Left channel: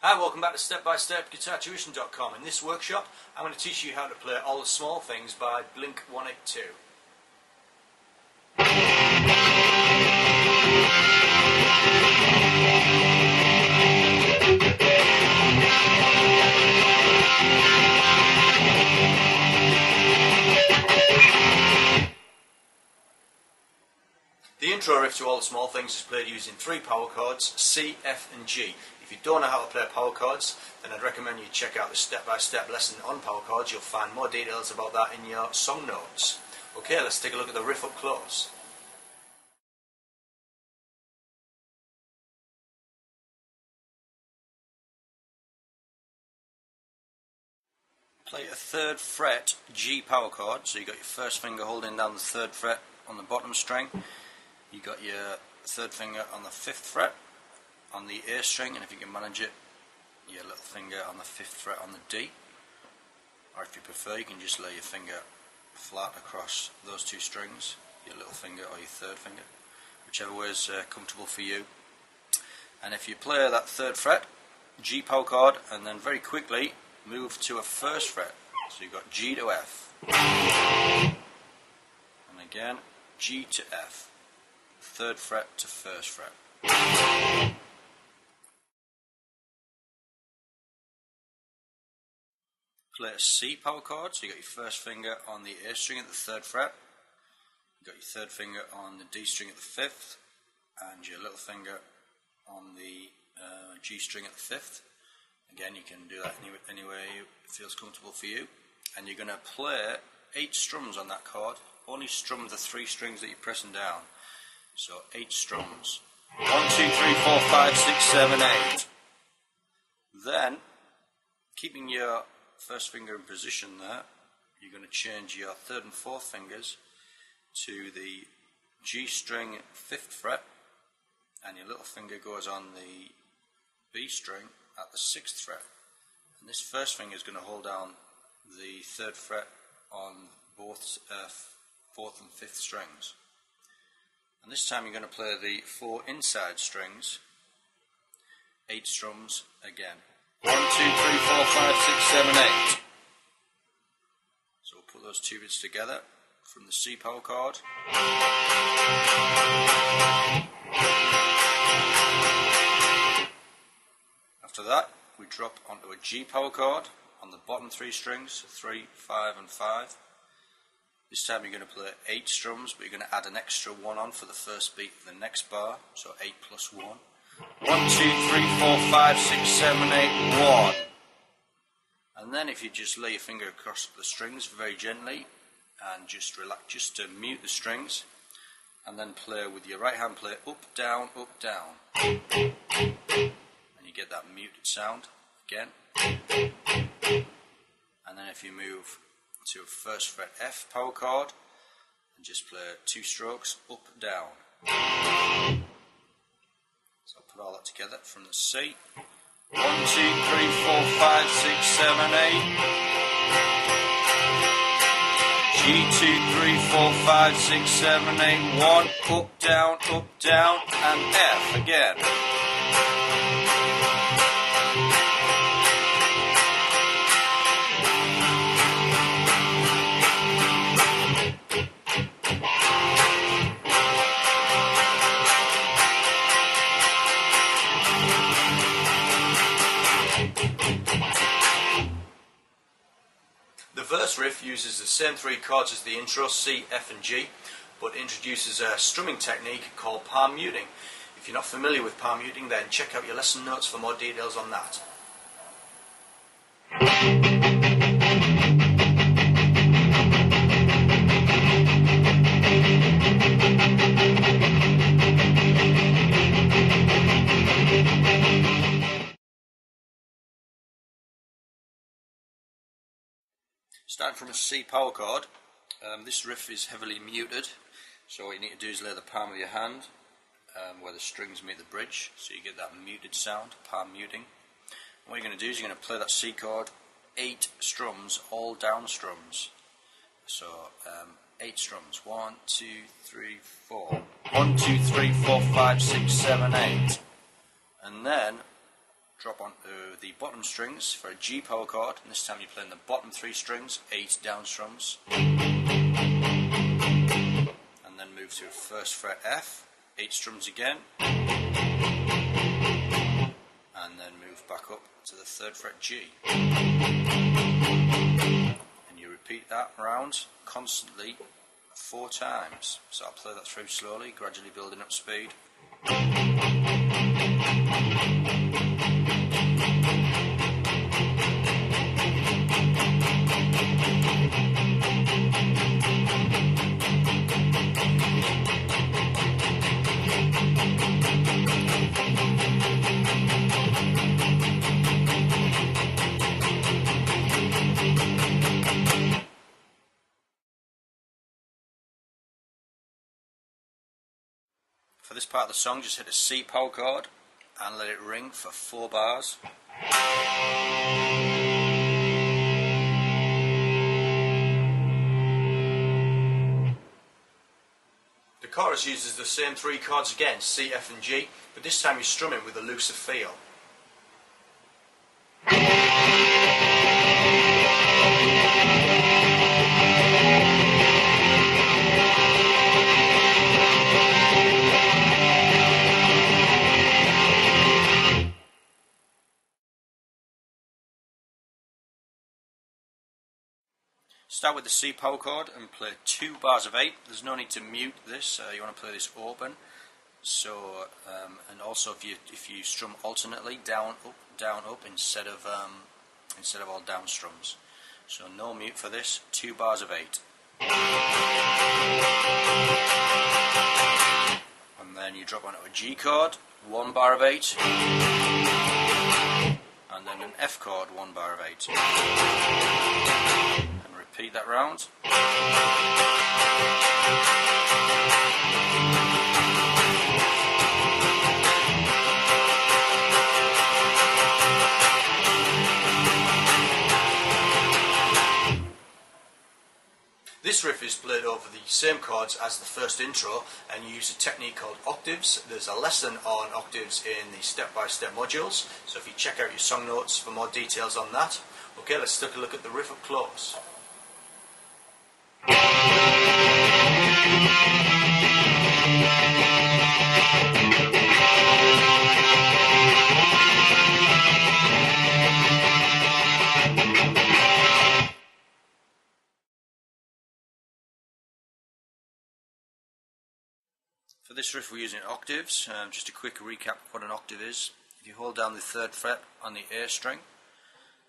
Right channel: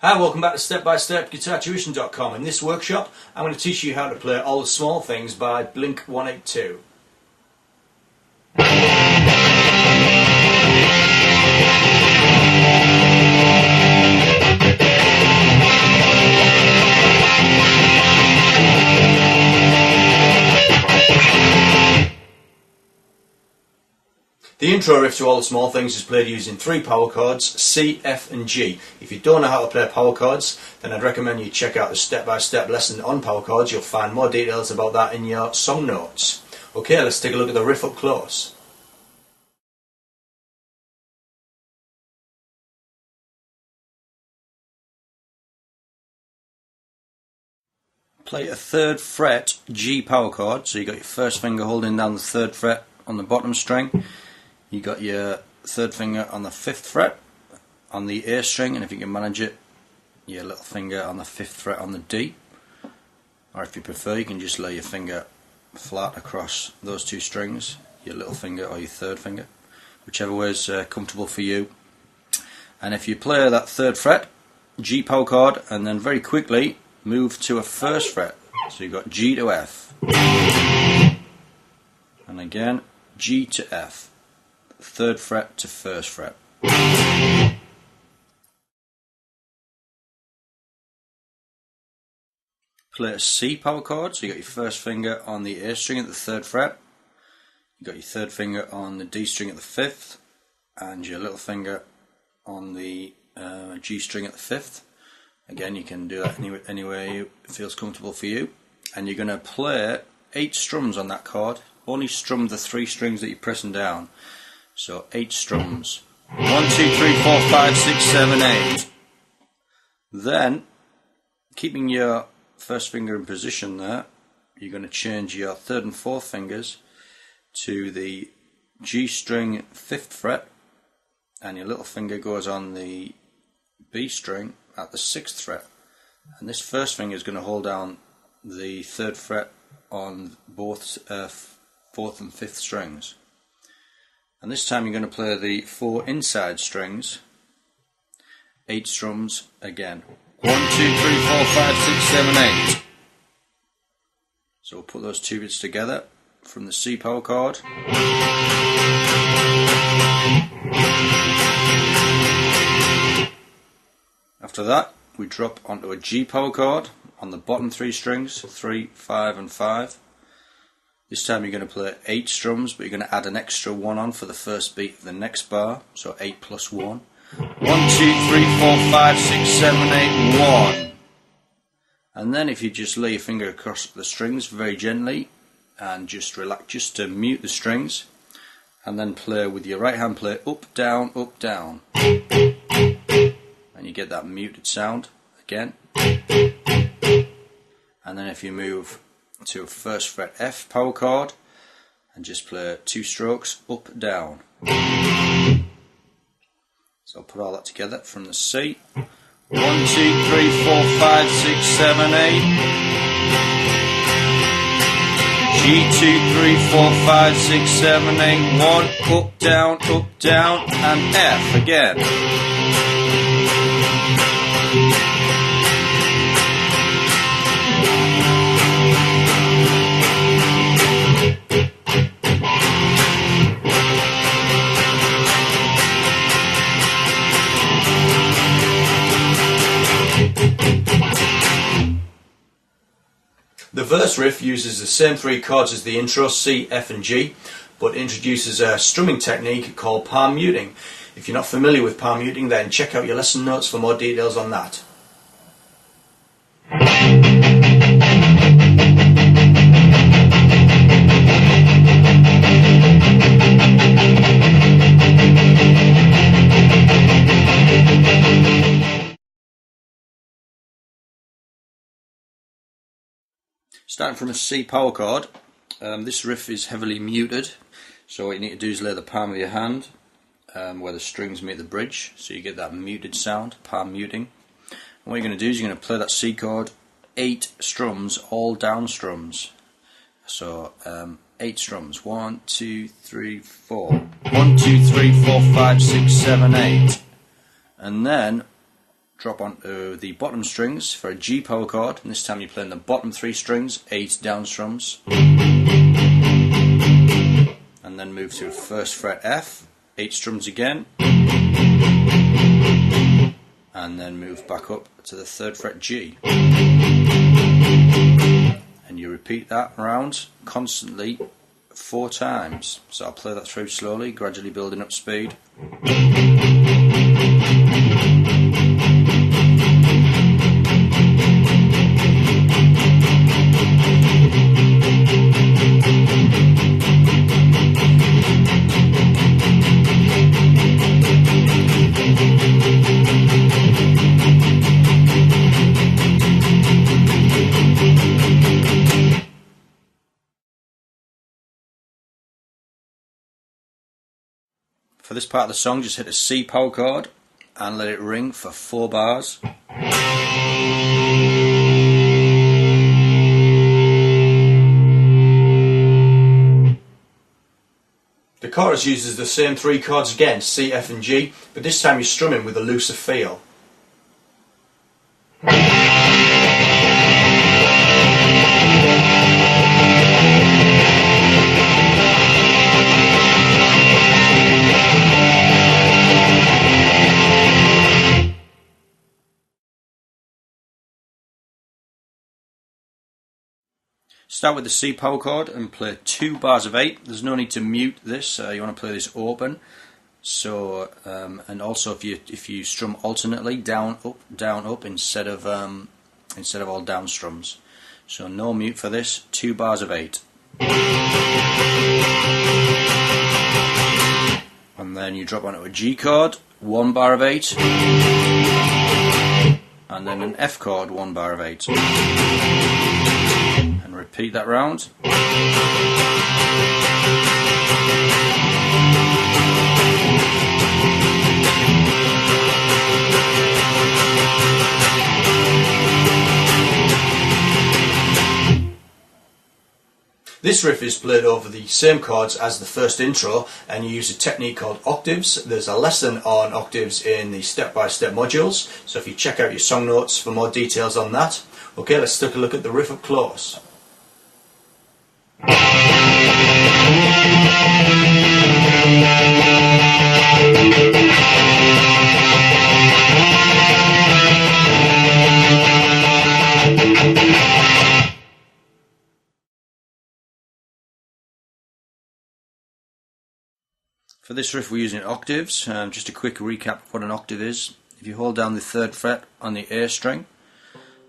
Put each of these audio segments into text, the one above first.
Hi, welcome back to step-by-step-guitartuition.com. In this workshop I'm going to teach you how to play All the Small Things by Blink182. The intro riff to All the Small Things is played using 3 power chords, C, F and G. If you don't know how to play power chords, then I'd recommend you check out the step-by-step lesson on power chords. You'll find more details about that in your song notes. Okay, let's take a look at the riff up close. Play a 3rd fret G power chord, so you got your first finger holding down the 3rd fret on the bottom string. You got your 3rd finger on the 5th fret on the A string, and if you can manage it, your little finger on the 5th fret on the D. Or if you prefer, you can just lay your finger flat across those 2 strings, your little finger or your 3rd finger, whichever way is comfortable for you. And if you play that 3rd fret G power chord and then very quickly move to a 1st fret, so you've got G to F, and again G to F, 3rd fret to 1st fret. Play a C power chord, so you got your first finger on the A string at the 3rd fret, you got your 3rd finger on the D string at the 5th, and your little finger on the G string at the 5th. Again, you can do that any way it feels comfortable for you. And you're going to play 8 strums on that chord. Only strum the 3 strings that you're pressing down. So 8 strums. 1, 2, 3, 4, 5, 6, 7, 8. Then, keeping your first finger in position there, you're going to change your 3rd and 4th fingers to the G string 5th fret, and your little finger goes on the B string at the 6th fret, and this first finger is going to hold down the 3rd fret on both 4th and 5th strings. And this time you're going to play the 4 inside strings, 8 strums again. 1, 2, 3, 4, 5, 6, 7, 8. So we'll put those 2 bits together from the C power chord. After that, we drop onto a G power chord on the bottom 3 strings, 3, 5 and 5. This time you're going to play 8 strums, but you're going to add an extra 1 on for the first beat of the next bar, so 8 plus 1. 1, 2, 3, 4, 5, 6, 7, 8, 1. And then if you just lay your finger across the strings very gently and just relax, just to mute the strings, and then play with your right hand, play up, down, and you get that muted sound again. And then if you move to a 1st fret F power chord and just play 2 strokes up, down. So I'll put all that together from the C. 1, 2, 3, 4, 5, 6, 7, 8. G, 2, 3, 4, 5, 6, 7, 8, 1, up, down, and F again. The verse riff uses the same 3 chords as the intro, C, F and G, but introduces a strumming technique called palm muting. If you're not familiar with palm muting, then check out your lesson notes for more details on that. Starting from a C power chord, this riff is heavily muted, so what you need to do is lay the palm of your hand where the strings meet the bridge, so you get that muted sound, palm muting. And what you're going to do is you're going to play that C chord 8 strums, all down strums. So 8 strums, 1, 2, 3, 4. 1, 2, 3, 4, 5, 6, 7, 8. And then drop onto the bottom strings for a G power chord, and this time you're playing the bottom 3 strings, 8 down strums, and then move to 1st fret F, 8 strums again, and then move back up to the 3rd fret G, and you repeat that round constantly 4 times. So I'll play that through slowly, gradually building up speed. For this part of the song, just hit a C power chord and let it ring for 4 bars. The chorus uses the same 3 chords again, C, F and G, but this time you're strumming with a looser feel. Start with the C power chord and play 2 bars of 8. There's no need to mute this. You want to play this open. So and also if you strum alternately, down up instead of all down strums. So no mute for this. 2 bars of 8. And then you drop onto a G chord, 1 bar of 8, and then an F chord, 1 bar of 8. Repeat that round. This riff is played over the same chords as the first intro, and you use a technique called octaves. There's a lesson on octaves in the step-by-step modules, so if you check out your song notes for more details on that. Okay, let's take a look at the riff up close. For this riff we're using octaves. Just a quick recap of what an octave is. If you hold down the 3rd fret on the A string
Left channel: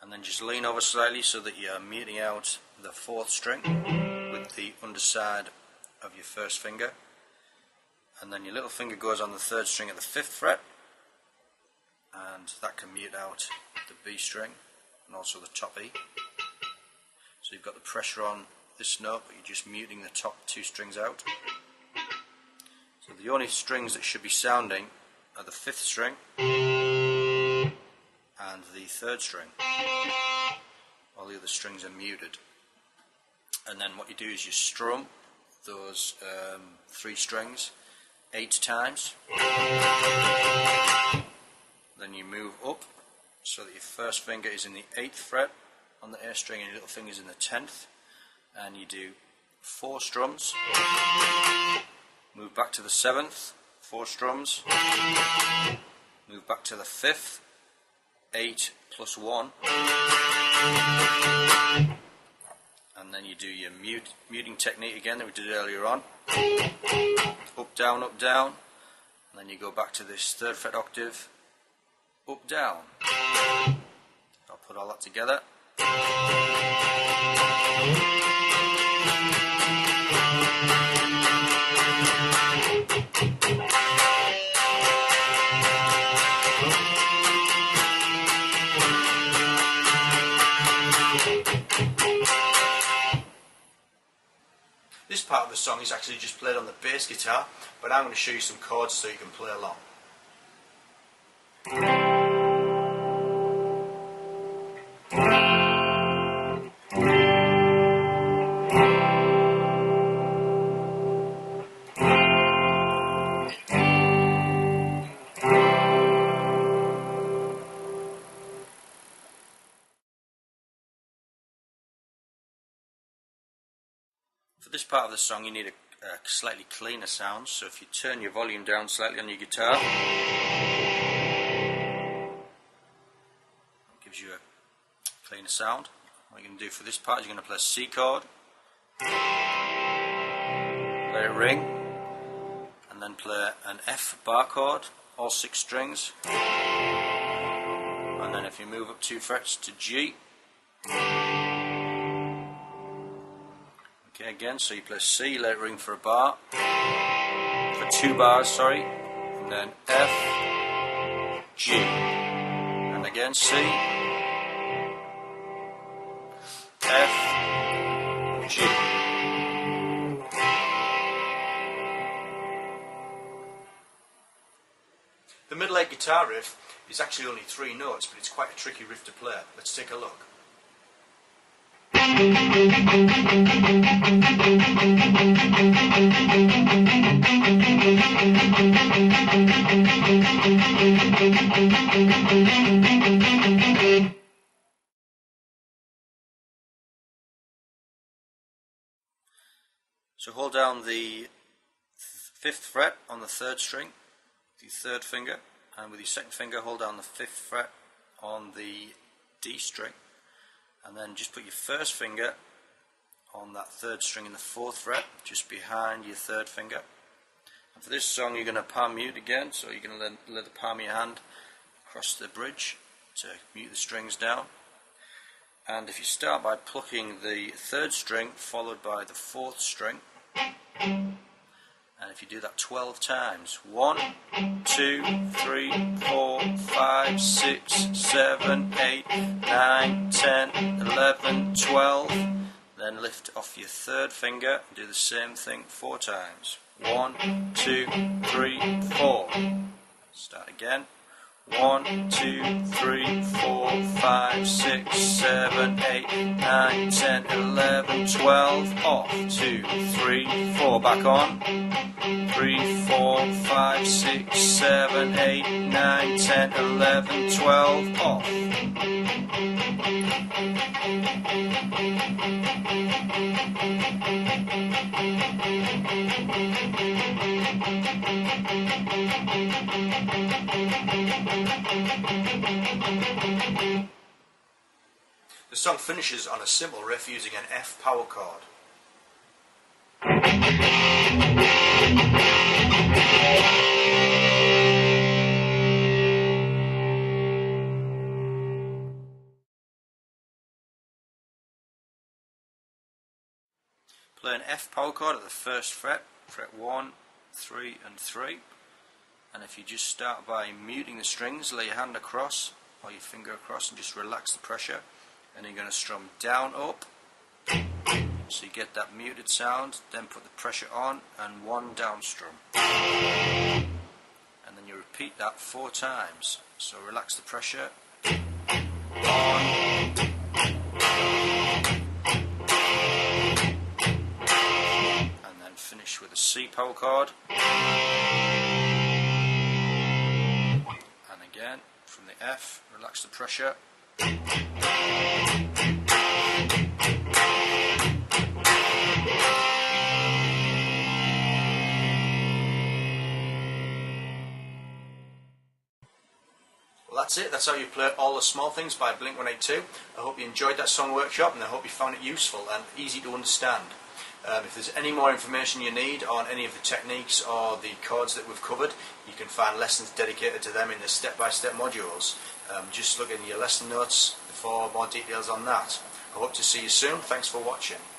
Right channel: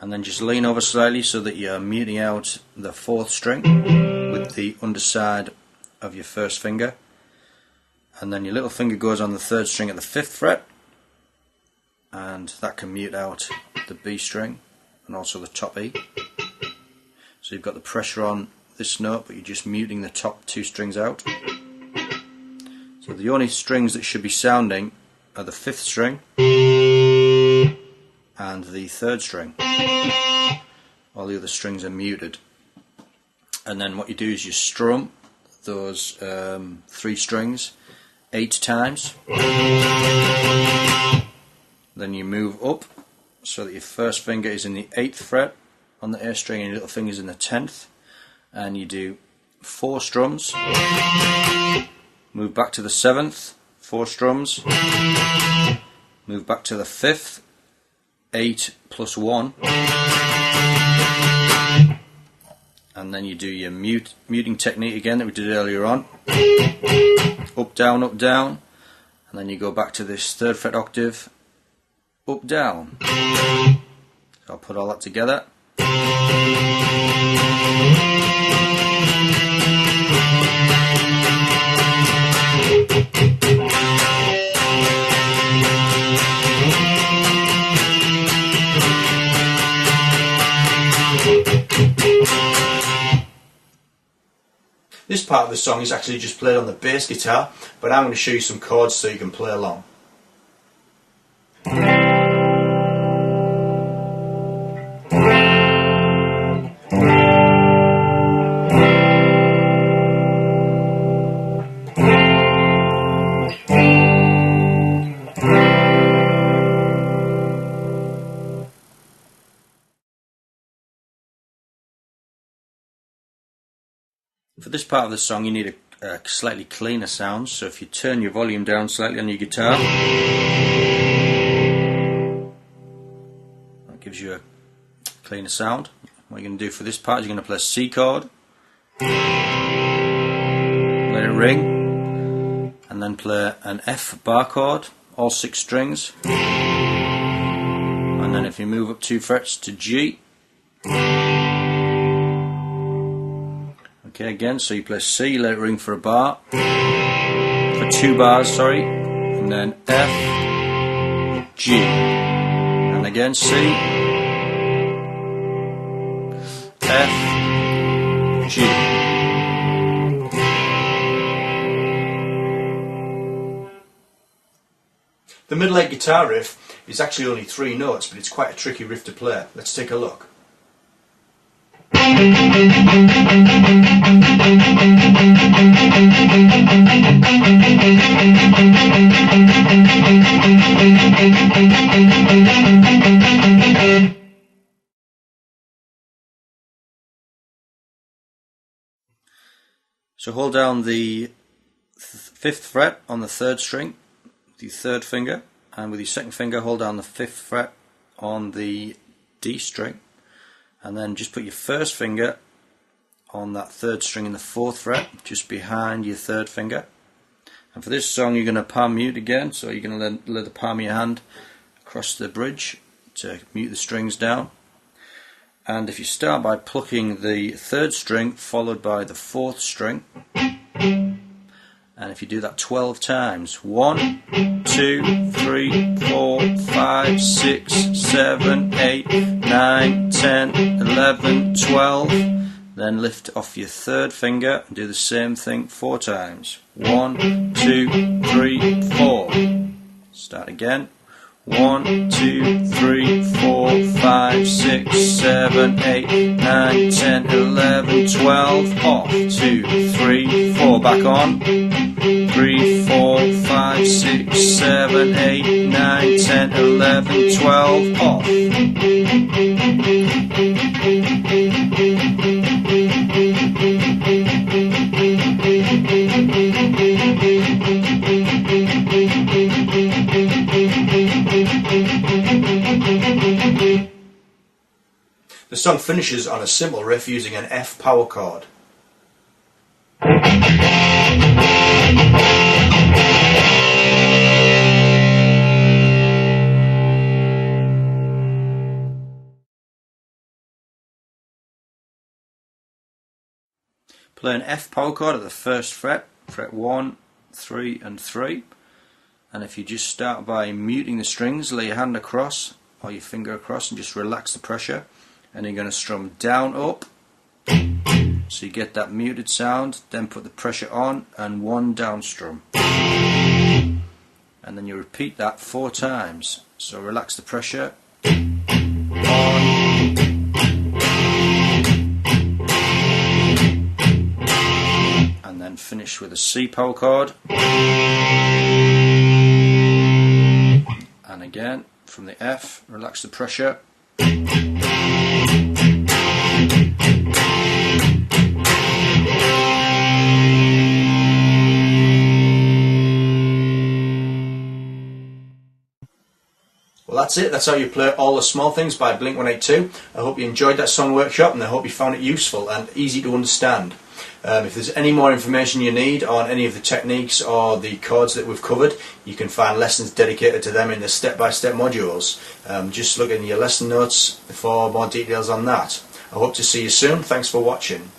and then just lean over slightly so that you're muting out the 4th string with the underside of your 1st finger, and then your little finger goes on the 3rd string at the 5th fret, and that can mute out the B string and also the top E. So you've got the pressure on this note, but you're just muting the top 2 strings out. So the only strings that should be sounding are the 5th string and the 3rd string. All the other strings are muted. And then what you do is you strum those 3 strings 8 times. Then you move up so that your 1st finger is in the 8th fret on the A string and your little finger is in the 10th. And you do 4 strums. Move back to the 7th, 4 strums. Move back to the 5th, 8 plus 1. And then you do your muting technique again that we did earlier on. Up, down, and then you go back to this 3rd fret octave, up, down. So I'll put all that together. This part of the song is actually just played on the bass guitar, but I'm going to show you some chords so you can play along. For this part of the song you need a slightly cleaner sound, so if you turn your volume down slightly on your guitar, that gives you a cleaner sound. What you're going to do for this part is you're going to play a C chord, let it ring, and then play an F bar chord, all 6 strings, and then if you move up 2 frets to G. Okay, again, so you play C, let it ring for a bar, for 2 bars, sorry, and then F, G, and again C, F, G. The middle 8 guitar riff is actually only 3 notes, but it's quite a tricky riff to play. Let's take a look. So hold down the 5th fret on the 3rd string with your 3rd finger, and with your 2nd finger hold down the 5th fret on the D string, and then just put your 1st finger on that 3rd string in the 4th fret, just behind your 3rd finger. And for this song you're going to palm mute again, so you're going to let the palm of your hand across the bridge to mute the strings down. And if you start by plucking the 3rd string followed by the 4th string, and if you do that 12 times, 1, 2, 3, 4, 5, 6, 7, 8, 9, 10, 11, 12, then lift off your 3rd finger and do the same thing 4 times. 1, 2, 3, 4. Start again. 1, 2, 3, 4, 5, 6, 7, 8, 9, 10, 11, 12. Off. 2, 3, 4. Back on. 3, 4, 5, 6, 7, 8, 9, 10, 11, 12. Off. The song finishes on a simple riff using an F power chord. Play an F power chord at the 1st fret, fret 1, 3 and 3, and if you just start by muting the strings, lay your hand across or your finger across and just relax the pressure, and you're going to strum down up so you get that muted sound, then put the pressure on and 1 down strum, and then you repeat that 4 times. So relax the pressure, on, and then finish with a C power chord, and again from the F, relax the pressure. Well, that's it. That's how you play All the Small Things by Blink182. I hope you enjoyed that song workshop, and I hope you found it useful and easy to understand. If there's any more information you need on any of the techniques or the chords that we've covered, you can find lessons dedicated to them in the step-by-step modules. Just look in your lesson notes for more details on that. I hope to see you soon. Thanks for watching.